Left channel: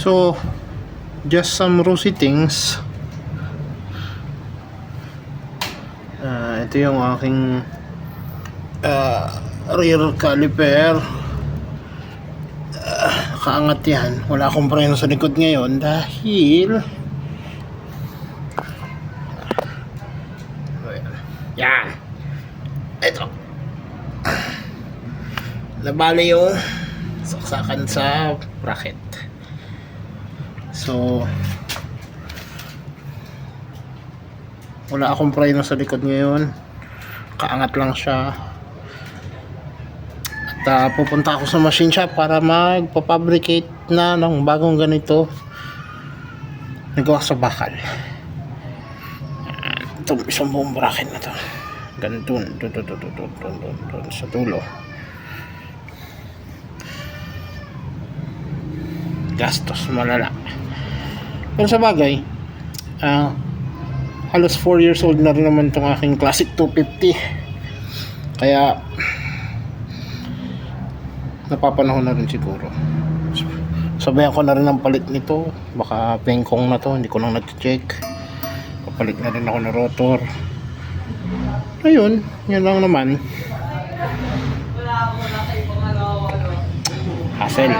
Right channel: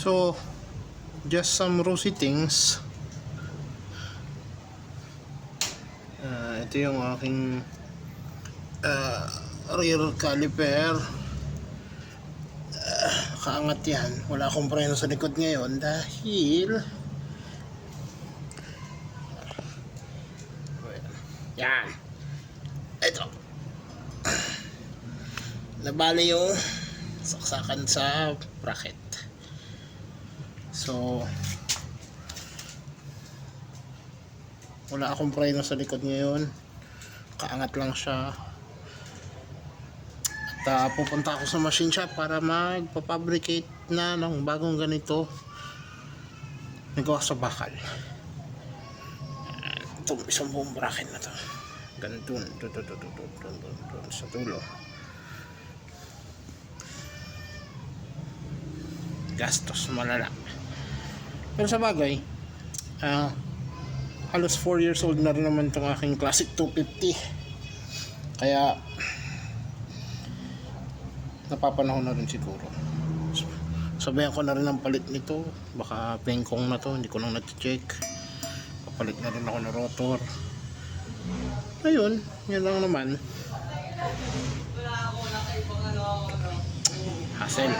So just some rosy things. Ito yung aking rear caliper. Nakaangat yan. Wala akong preno sa likod ngayon dahil yan, ito nabali yung saksakan sa bracket. So wala akong preno sa likod ngayon, kaangat lang siya. At pupunta ako sa machine shop para magpapabricate na ng bagong ganito nagawa sa bakal. Itong isang buong bracket na to, ganito sa dulo. Gastos malala, pero sa bagay halos 4 years old na rin naman itong aking Classic 250, kaya napapanahon na rin siguro. Sabayan ko na rin ang palit nito, baka pengkong na to, hindi ko lang na-check. Papalit na rin ako ng rotor. Ayun, yan lang naman. Hassle.